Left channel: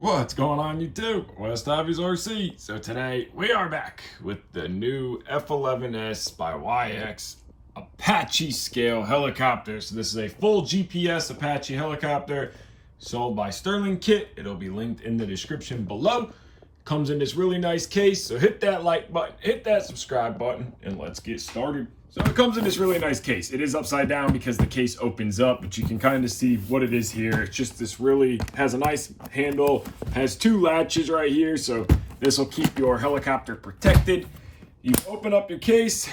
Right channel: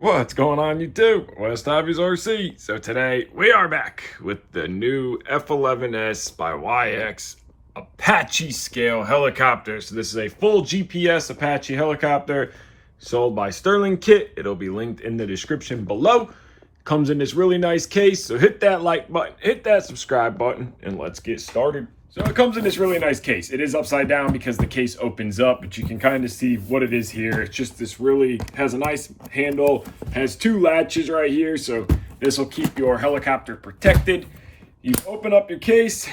What's going on YouTube? WestHobbiesRC. So today we are back with the new F11-S by YX Apache scale helicopter. So this is a full GPS Apache helicopter sold by Sterling Kit. It'll be linked in the description below. Comes in this really nice case. So hit that like button, hit that subscribe button, and let's get started. So it comes in this really nice case. It is upside down because the case opens up, but you can kind of see what it is here. It's just this really has a nice handle, has two latches right here. So this will keep your helicopter protected. You open up your case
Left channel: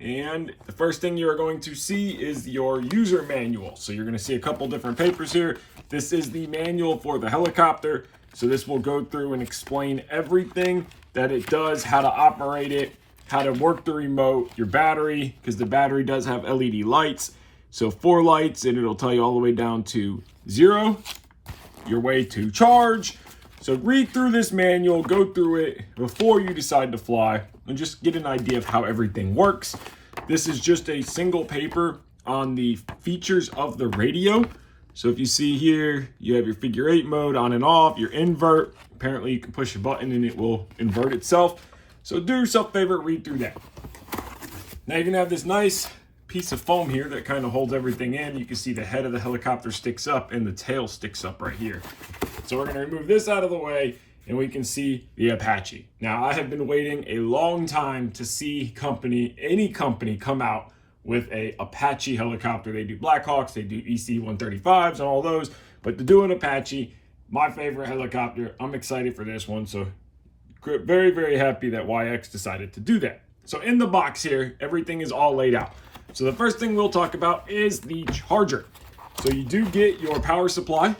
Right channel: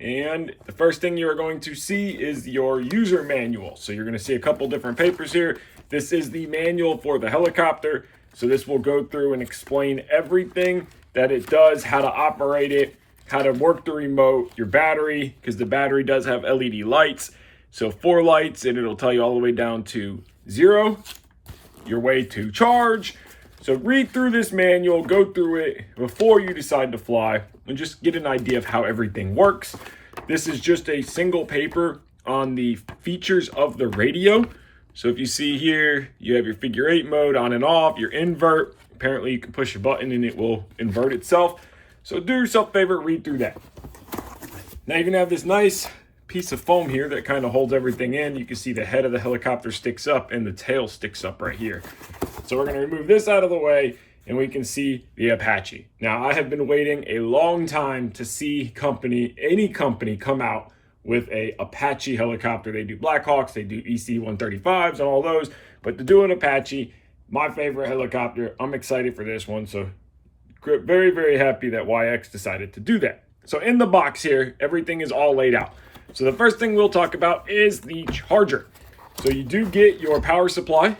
and the first thing you're going to see is your user manual. So you're going to see a couple different papers here. This is the manual for the helicopter. So this will go through and explain everything that it does, how to operate it, how to work the remote, your battery, because the battery does have LED lights. So 4 lights, and it'll tell you all the way down to 0, your way to charge. So read through this manual, go through it before you decide to fly, and just get an idea of how everything works. This is just a single paper on the features of the radio. So if you see here, you have your figure 8 mode on and off, your invert. Apparently you can push a button and it will invert itself. So do yourself a favor, read through that. Now you're gonna have this nice piece of foam here that kind of holds everything in. You can see the head of the helicopter sticks up and the tail sticks up right here. So we're gonna remove this out of the way and we can see the Apache. Now I have been waiting a long time to see any company come out with a Apache helicopter. They do Blackhawks, they do EC-135s and all those, but to do an Apache, my favorite helicopter, I'm excited for this one. So very, very happy that YX decided to do that. So in the box here, everything is all laid out. So the first thing we'll talk about is the charger. So you do get your power supply.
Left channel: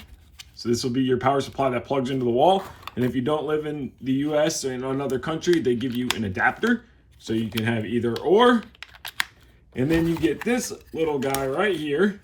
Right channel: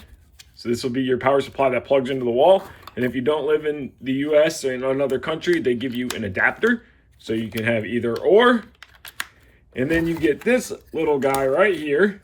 So this will be your power supply that plugs into the wall. And if you don't live in the US or in another country, they give you an adapter. So you can have either or. And then you get this little guy right here,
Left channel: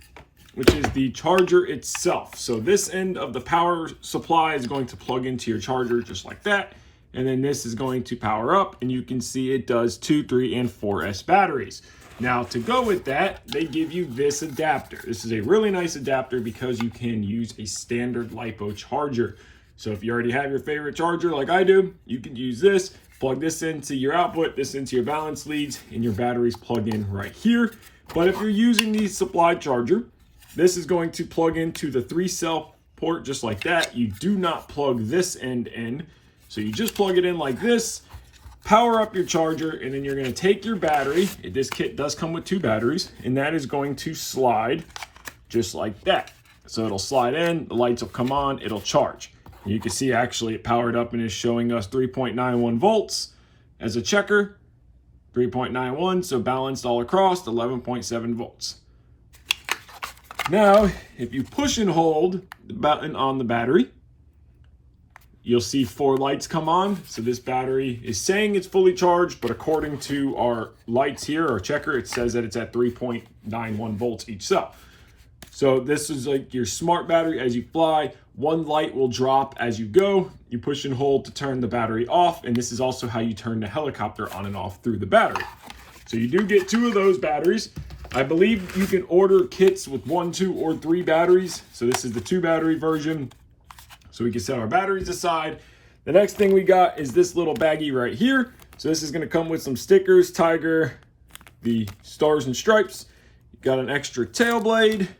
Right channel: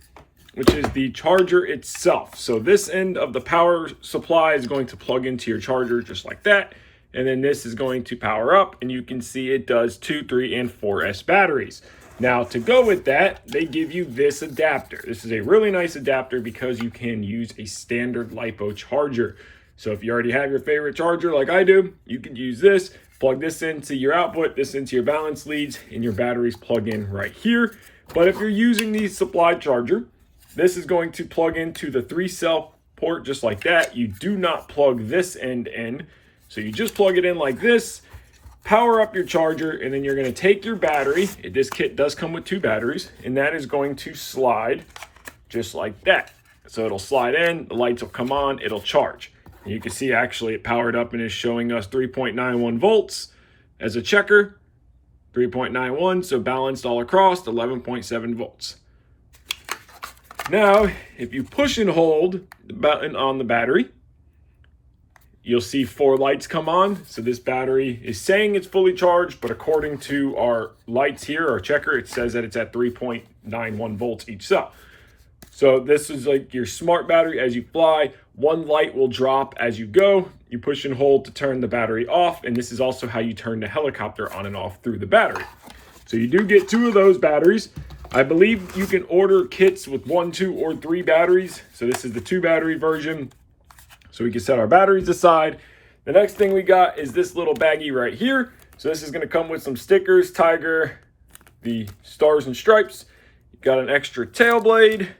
which is the charger itself. So this end of the power supply is going to plug into your charger just like that. And then this is going to power up, and you can see it does 2, 3, and 4S batteries. Now to go with that, they give you this adapter. This is a really nice adapter because you can use a standard LiPo charger. So if you already have your favorite charger like I do, you can use this, plug this into your output, this into your balance leads, and your batteries plug in right here. But if you're using the supply charger, this is going to plug into the 3-cell port just like that. You do not plug this end in. So you just plug it in like this, power up your charger, and then you're going to take your battery. This kit does come with 2 batteries, and that is going to slide just like that. So it'll slide in, the lights will come on, it'll charge. And you can see actually it powered up and is showing us 3.91 volts as a checker, 3.91, so balanced all across, 11.7 volts. Now, if you push and hold the button on the battery, you'll see 4 lights come on. So this battery is saying it's fully charged, but according to our lights here, our checker, it says that it's at 3.91 volts each cell. So this is like your smart battery as you fly. 1 light will drop as you go. You push and hold to turn the battery off. And this is also how you turn the helicopter on and off through the battery. So you do get 2 of those batteries. I believe you can order kits with 1, 2, or 3 batteries. So this is the 2 battery version. So we can set our batteries aside. The next thing we got is this little baggie right here. So this is gonna come with some stickers, Tiger, the stars and stripes. You got an extra tail blade.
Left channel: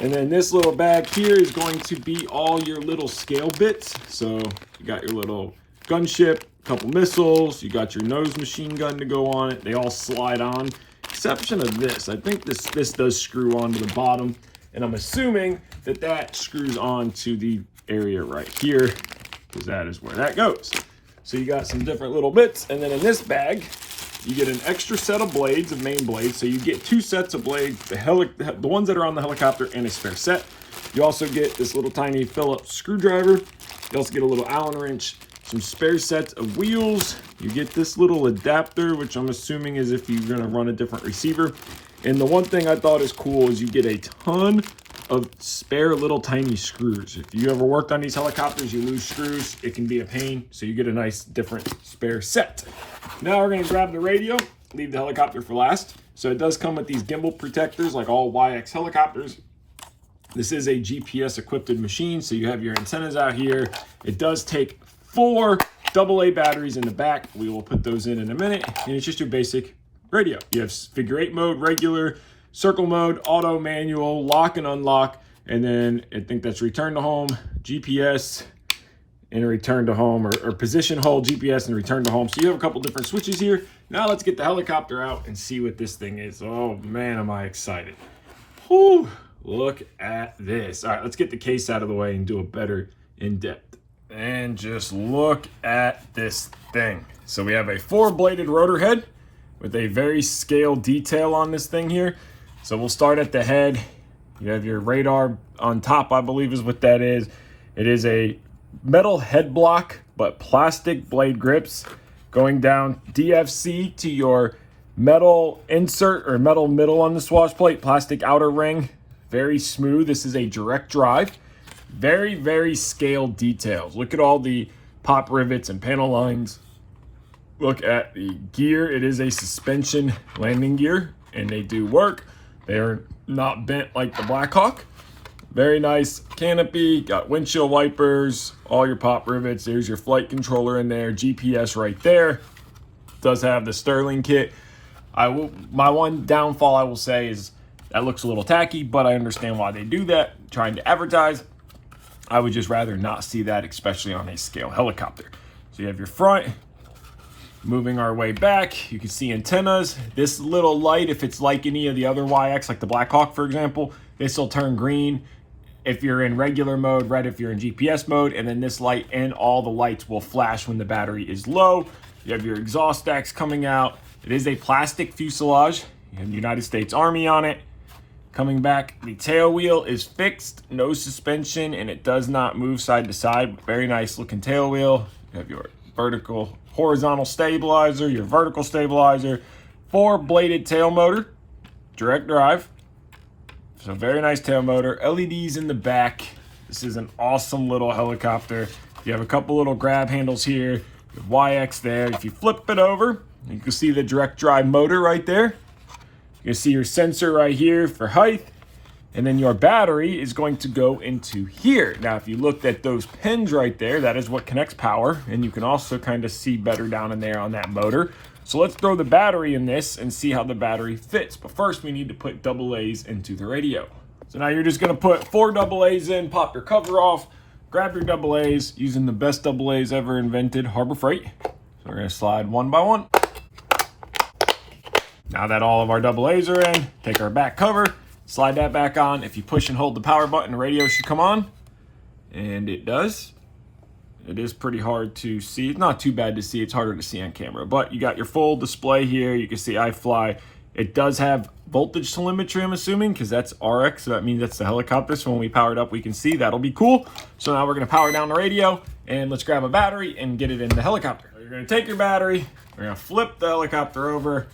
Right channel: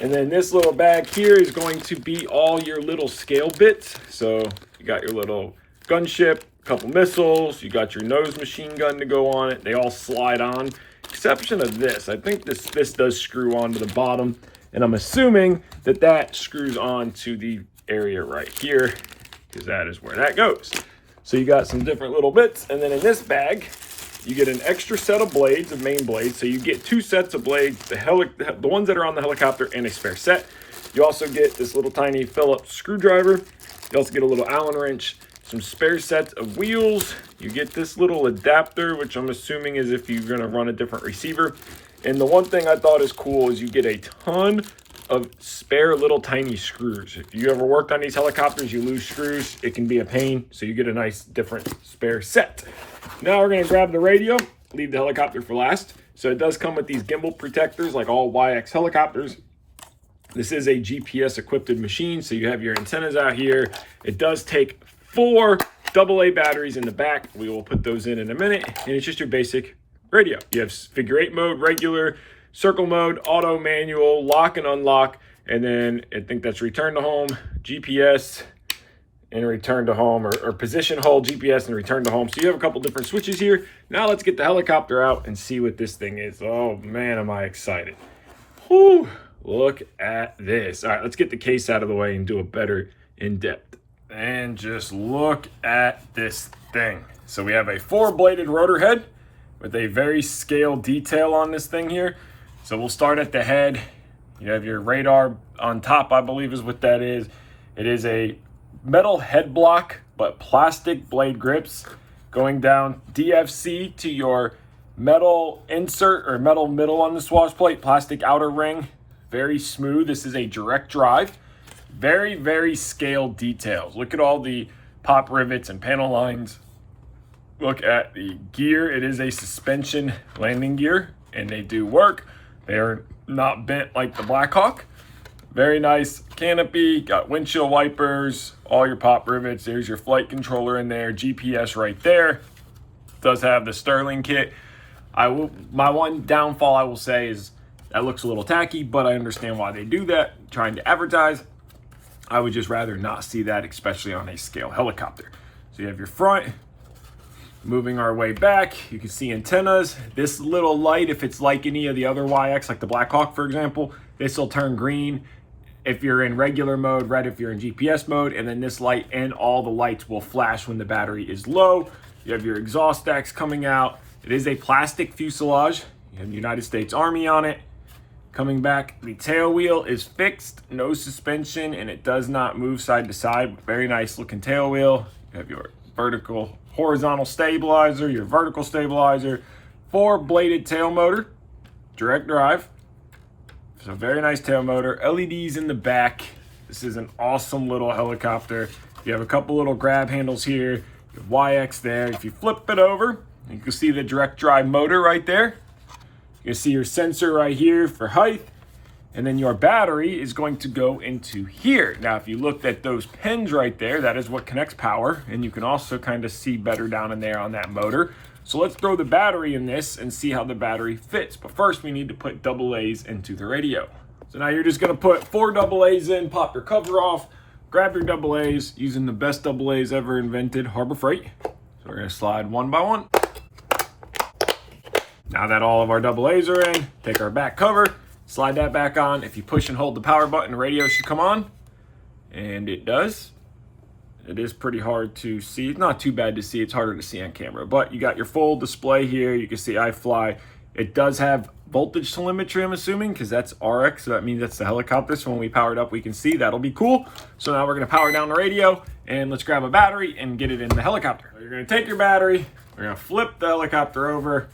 And then this little bag here is going to be all your little scale bits. So you got your little gunship, a couple missiles, you got your nose machine gun to go on it. They all slide on, exception of this. I think this does screw on to the bottom. And I'm assuming that that screws on to the area right here because that is where that goes. So you got some different little bits. And then in this bag, you get an extra set of blades, of main blades. So you get 2 sets of blades, the ones that are on the helicopter and a spare set. You also get this little tiny Phillips screwdriver. You also get a little Allen wrench, some spare sets of wheels. You get this little adapter, which I'm assuming is if you're gonna run a different receiver. And the one thing I thought is cool is you get a ton of spare little tiny screws. If you ever worked on these helicopters, you lose screws, it can be a pain. So you get a nice different spare set. Now we're gonna grab the radio, leave the helicopter for last. So it does come with these gimbal protectors like all YX helicopters. This is a GPS equipped machine, so you have your antennas out here. It does take 4 AA batteries in the back. We will put those in a minute, and it's just your basic radio. You have figure 8 mode, regular, circle mode, auto, manual, lock and unlock, and then I think that's return to home, GPS, and return to home, or position hold, GPS, and return to home. So you have a couple different switches here. Now let's get the helicopter out and see what this thing is. Oh man, am I excited. Whew, look at this. All right, let's get the case out of the way and do a better in-depth. And just look at this thing. So we have a 4-bladed rotor head with a very scale detail on this thing here. So we'll start at the head. You have your radar on top, I believe is what that is. It is a metal head block, but plastic blade grips going down DFC to your metal insert or metal middle on the swash plate, plastic outer ring. Very smooth. This is a direct drive. Very, very scaled details. Look at all the pop rivets and panel lines. Look at the gear. It is a suspension landing gear, and they do work. They are not bent like the Blackhawk. Very nice canopy, got windshield wipers, all your pop rivets. There's your flight controller in there, GPS right there. Does have the Sterling kit. My one downfall I will say is that looks a little tacky, but I understand why they do that, trying to advertise. I would just rather not see that, especially on a scale helicopter. So you have your front. Moving our way back, you can see antennas. This little light, if it's like any of the other YX, like the Blackhawk, for example, this will turn green if you're in regular mode, red if you're in GPS mode, and then this light and all the lights will flash when the battery is low. You have your exhaust stacks coming out. It is a plastic fuselage. You have the United States Army on it. Coming back, the tail wheel is fixed, no suspension, and it does not move side to side. Very nice looking tail wheel. You have your horizontal stabilizer, your vertical stabilizer, 4-bladed tail motor, direct drive. So very nice tail motor, LEDs in the back. This is an awesome little helicopter. You have a couple little grab handles here, the YX there. If you flip it over, you can see the direct drive motor right there. You see your sensor right here for height, and then your battery is going to go into here. Now, if you looked at those pins right there, that is what connects power, and you can also kind of see better down in there on that motor. So let's throw the battery in this and see how the battery fits. But first, we need to put AA's into the radio. So now you're just gonna put 4 AA's in, pop your cover off, grab your AA's using the best AA's ever invented, Harbor Freight. So we're gonna slide one by one. Now that all of our AA's are in, take our back cover, slide that back on. If you push and hold the power button, the radio should come on. And it does. It is pretty hard to see. It's not too bad to see. It's harder to see on camera. But you got your full display here. You can see iFly. It does have voltage telemetry, I'm assuming, because that's RX. So that means that's the helicopter. So when we power it up, we can see. That'll be cool. So now we're going to power down the radio. And let's grab a battery and get it in the helicopter. So you're going to take your battery. We're going to flip the helicopter over.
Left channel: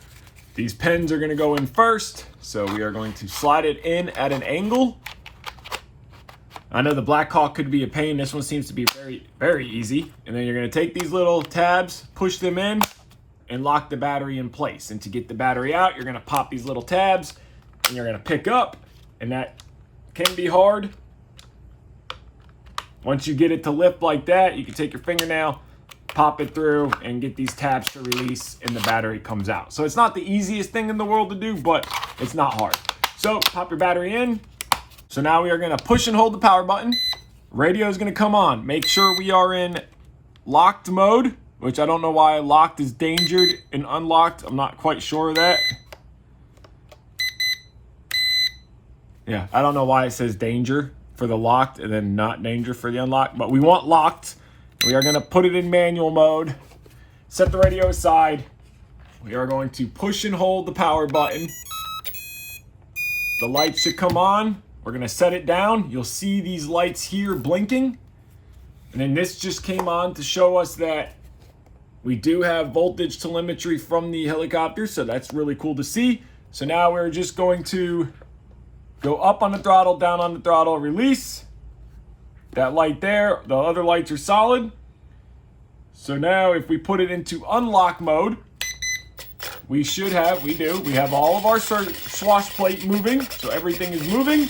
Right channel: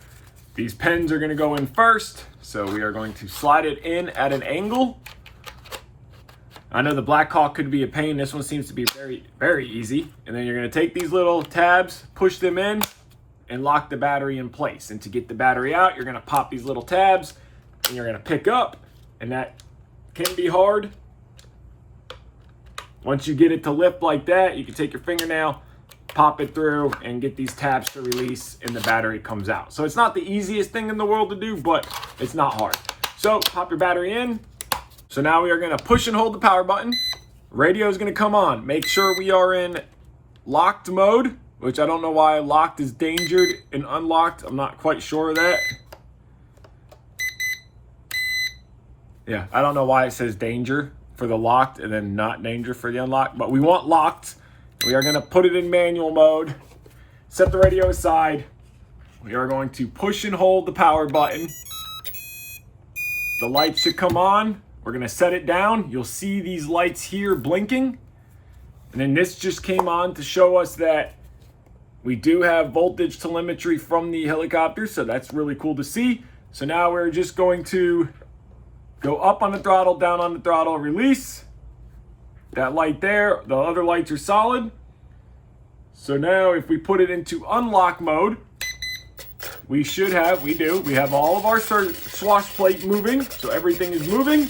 These pins are going to go in first. So we are going to slide it in at an angle. I know the Blackhawk could be a pain. This one seems to be very, very easy. And then you're going to take these little tabs, push them in, and lock the battery in place. And to get the battery out, you're going to pop these little tabs, and you're going to pick up. And that can be hard. Once you get it to lift like that, you can take your fingernail, pop it through, and get these tabs to release, and the battery comes out. So it's not the easiest thing in the world to do, but it's not hard. So pop your battery in. So now we are going to push and hold the power button. Radio is going to come on. Make sure we are in locked mode, which I don't know why locked is dangered and unlocked. I'm not quite sure of that. Yeah, I don't know why it says danger for the locked and then not danger for the unlocked, but we want locked. We are going to put it in manual mode. Set the radio aside. We are going to push and hold the power button. The lights should come on. We're going to set it down. You'll see these lights here blinking. And then this just came on to show us that we do have voltage telemetry from the helicopter. So that's really cool to see. So now we're just going to go up on the throttle, down on the throttle, release. That light there, the other lights are solid. So now if we put it into unlock mode, we have all of our swash plate moving, so everything is moving.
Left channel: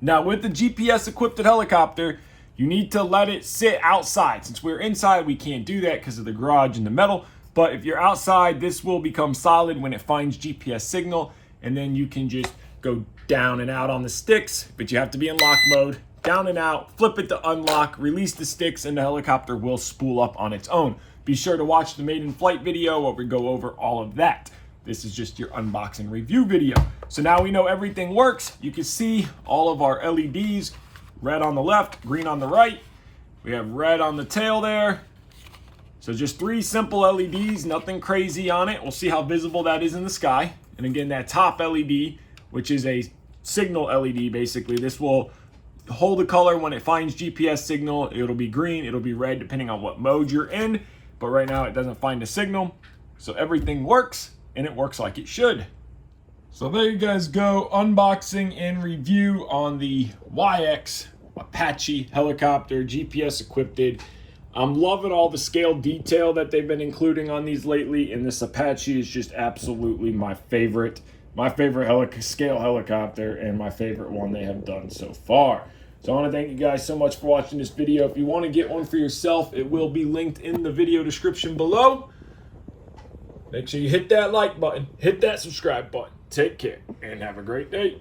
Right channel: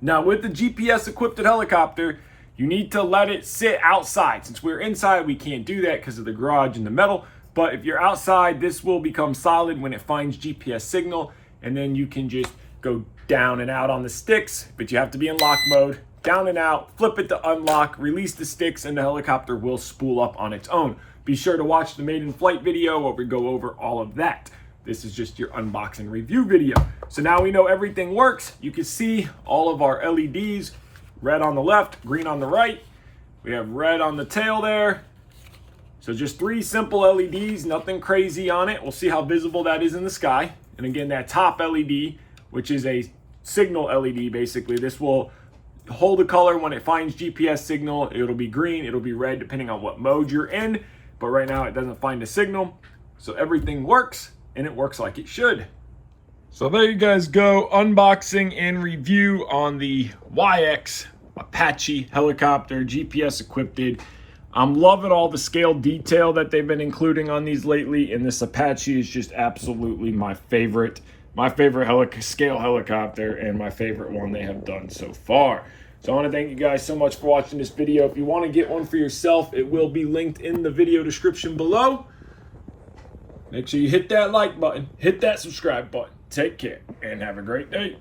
Now with the GPS equipped helicopter, you need to let it sit outside. Since we're inside, we can't do that because of the garage and the metal. But if you're outside, this will become solid when it finds GPS signal, and then you can just go down and out on the sticks, but you have to be in lock mode, down and out, flip it to unlock, release the sticks, and the helicopter will spool up on its own. Be sure to watch the maiden flight video where we go over all of that. This is just your unboxing review video. So now we know everything works. You can see all of our LEDs, red on the left, green on the right. We have red on the tail there. So just 3 simple LEDs, nothing crazy on it. We'll see how visible that is in the sky. And again, that top LED, which is a signal LED basically, this will hold a color when it finds GPS signal. It'll be green, it'll be red, depending on what mode you're in. But right now it doesn't find a signal. So everything works, and it works like it should. So there you guys go, unboxing and review on the YX Apache helicopter, GPS equipped. I'm loving all the scale detail that they've been including on these lately, and this Apache is just absolutely my favorite scale helicopter, and my favorite one they have done so far. So I want to thank you guys so much for watching this video. If you want to get one for yourself, it will be linked in the video description below. Make sure you hit that like button, hit that subscribe button. Take care and have a great day.